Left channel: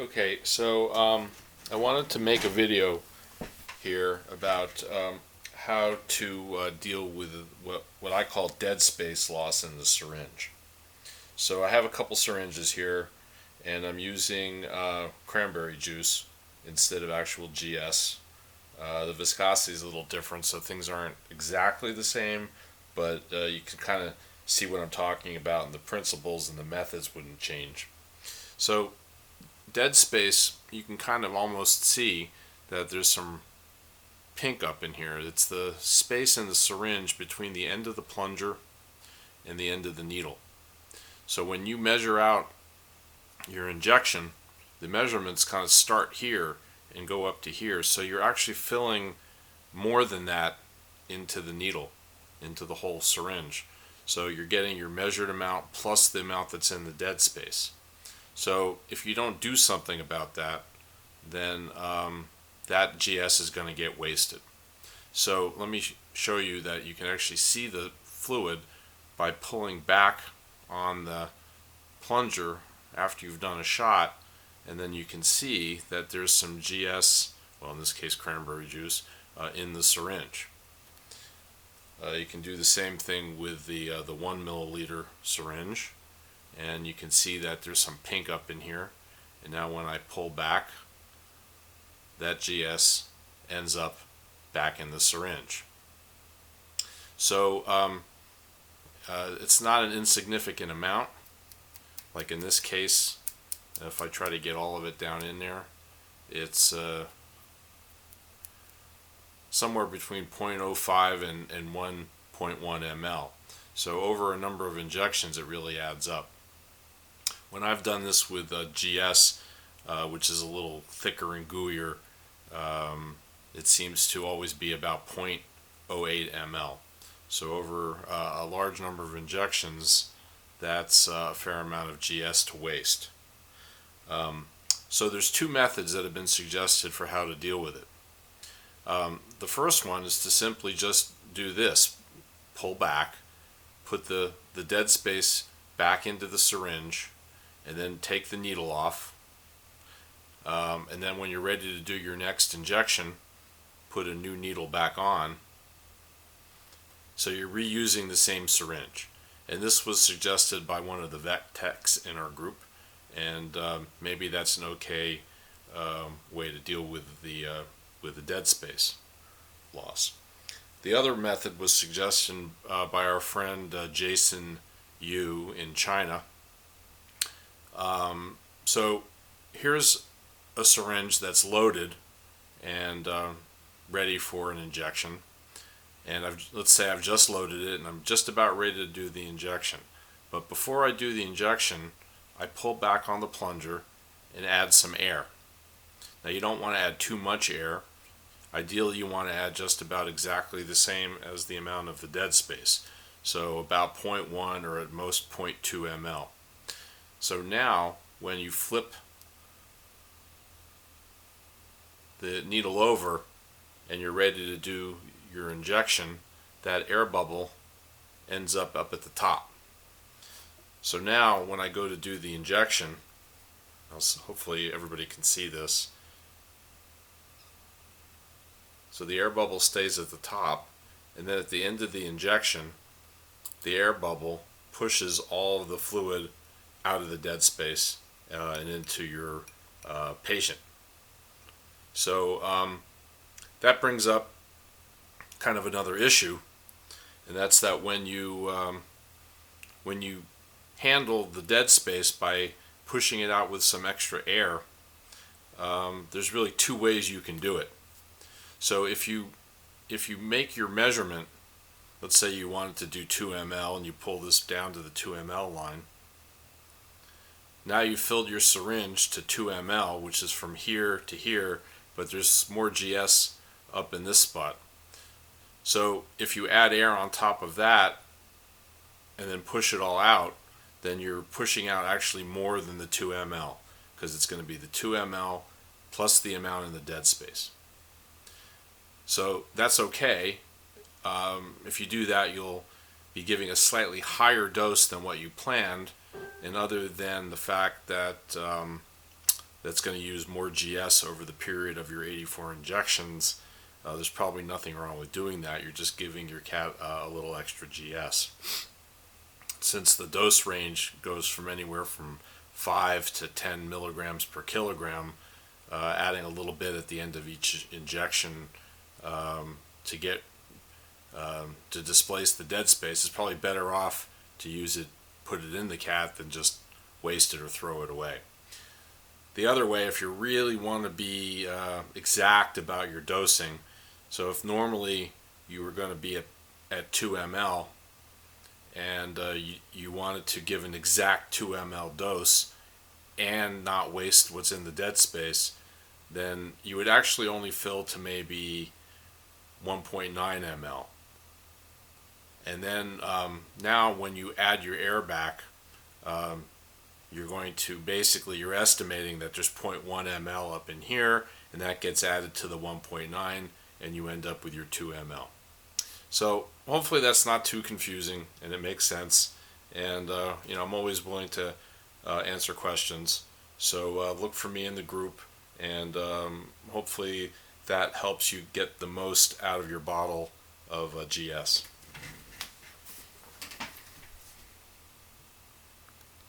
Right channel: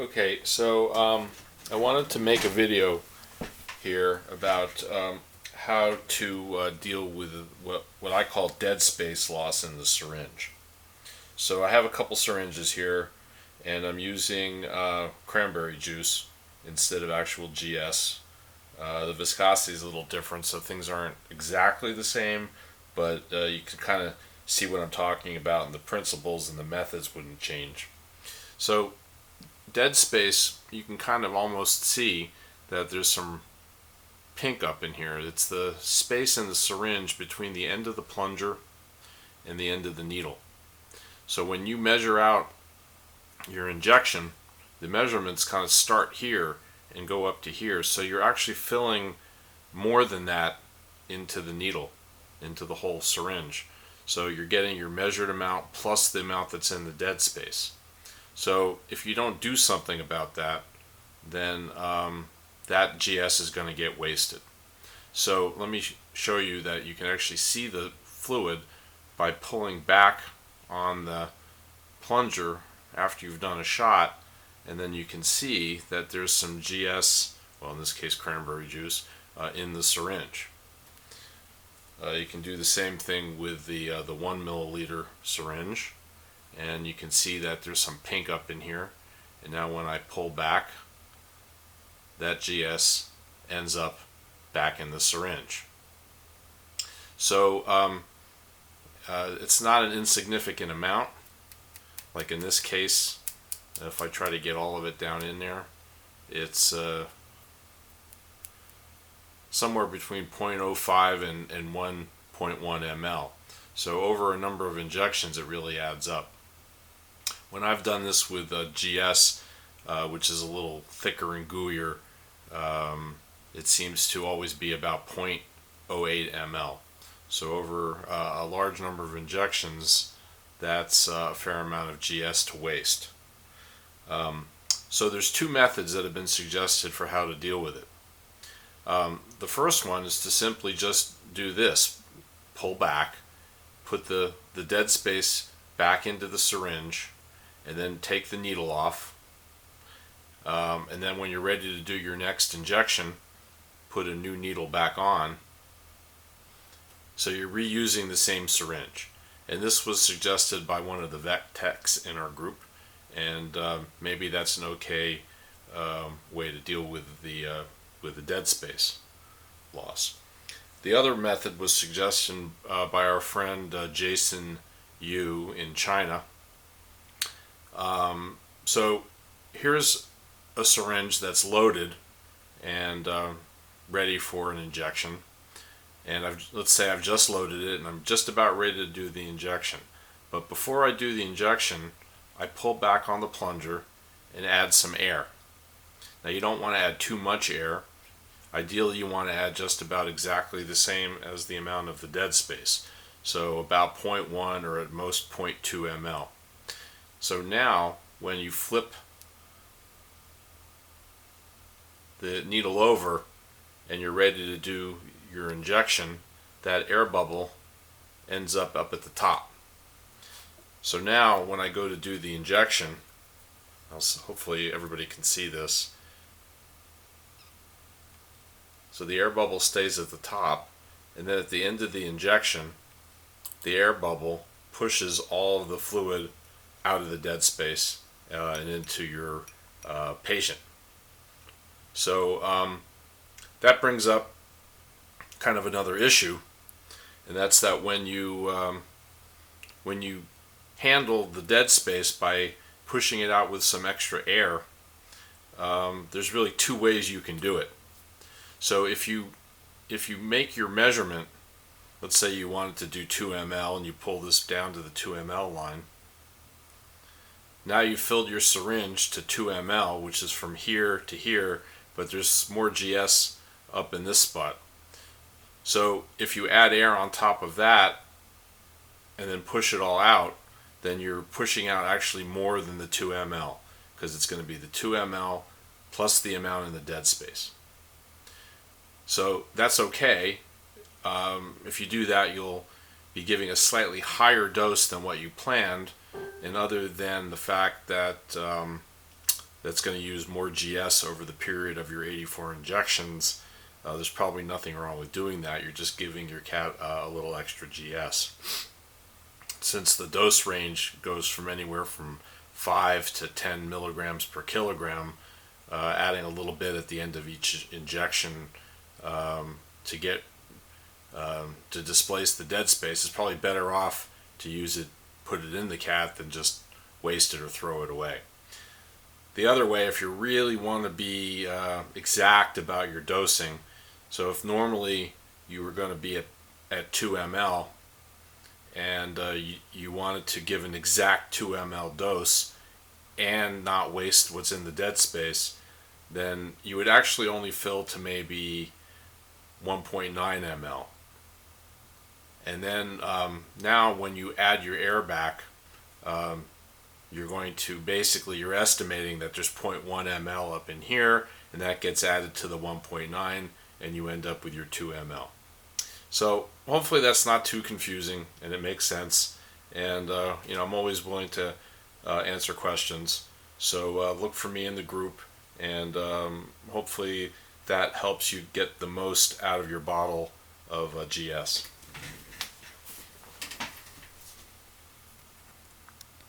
Okay, so I wanted to make a video here about how to deal with what I call dead space loss in the syringe. So I have a couple syringes here, and I'm using cranberry juice instead of actual GS. The viscosity is a little different, so things aren't exactly the same, but you can kind of see what I'm talking about, and the principles and the methods wouldn't change. So dead space, you can kind of almost see that there's some pink up in here. It's the space in the syringe between the end of the plunger and the end of the needle. So when you measure out your injection, the measurements kind of start here and go up to here. So you're actually filling more than that into the needle, into the whole syringe. So you're getting your measured amount plus the amount that's in the dead space. So if you don't do something about that, then that GS is going to get wasted. So let me show you that you can actually see the fluid by pulling back on the plunger after you've done a shot, and then you can see that there's some GS, well in this case cranberry juice, in the syringe. You can do the same thing with the 1 milliliter syringe, and you can see that there's some pink up in here, and now when I pull back, that GS ends up back in the syringe. So it's not an insignificant amount. Like in this case, if I try to get all of it down in there, it's somewhere between 0.05 and 1.1 ml. So over a number of injections, it really adds up. When I've done this with GS, which is a little thicker and gooier, it seems to always be about 0.08 ml. So over a large number of injections, that's a fair amount of GS to waste. So there's two methods that have been suggested for how to deal with it. The first one is to simply just do this: pull back, put the dead space back into the syringe, and then take the needle off. And then when you're ready to do your next injection, put a new needle back on. So you're reusing the same syringe. And this was suggested by one of the vet techs in our group, and maybe that's an okay way to deal with the dead space loss. The other method was suggested by our friend Jason Yu in China. So here's a syringe that's loaded and ready for an injection, and let's say I've just loaded it and I'm just about ready to do the injection. But before I do the injection, I pull back on the plunger and add some air. Now you don't want to add too much air. Ideally you want to add just about exactly the same as the amount of the dead space, so about 0.1 or at most 0.2 ml. So now when you flip the needle over and you're ready to do your injection, that air bubble ends up at the top. So now when I go to do the injection, hopefully everybody can see this. So the air bubble stays at the top, and then at the end of the injection, the air bubble pushes all of the fluid out of the dead space and into your patient. So that brings up kind of another issue, and that's that when you handle the dead space by pushing it out with some extra air, there's really two ways you can do it. So if you make your measurement, let's say you wanted to do 2 ml and you pull this down to the 2 ml line, now you filled your syringe to 2 ml, which is from here to here, but there's more GS up in this spot. So if you add air on top of that and then push it all out, then you're pushing out actually more than the 2 ml, because it's going to be the 2 ml plus the amount in the dead space. So that's okay. If you do that, you'll be giving a slightly higher dose than what you planned, and other than the fact that that's going to use more GS over the period of your 84 injections, there's probably nothing wrong with doing that. You're just giving your cat a little extra GS. Since the dose range goes from anywhere from 5 to 10 milligrams per kilogram, adding a little bit at the end of each injection to get to displace the dead space is probably better off to use it, put it in the cat, than just waste it or throw it away. The other way, if you really want to be exact about your dosing, so if normally you were going to be at 2 ml and you wanted to give an exact 2 ml dose and not waste what's in the dead space, then you would actually only fill to maybe 1.9 ml. And then now when you add your air back, you're going to basically, you're estimating that there's 0.1 ml up in here, and that gets added to the 1.9, and you end up with your 2 ml. So hopefully that's not too confusing and it makes sense. And I'm always willing to answer questions. So look for me in the group, and hopefully that helps you get the most out of your bottle of GS.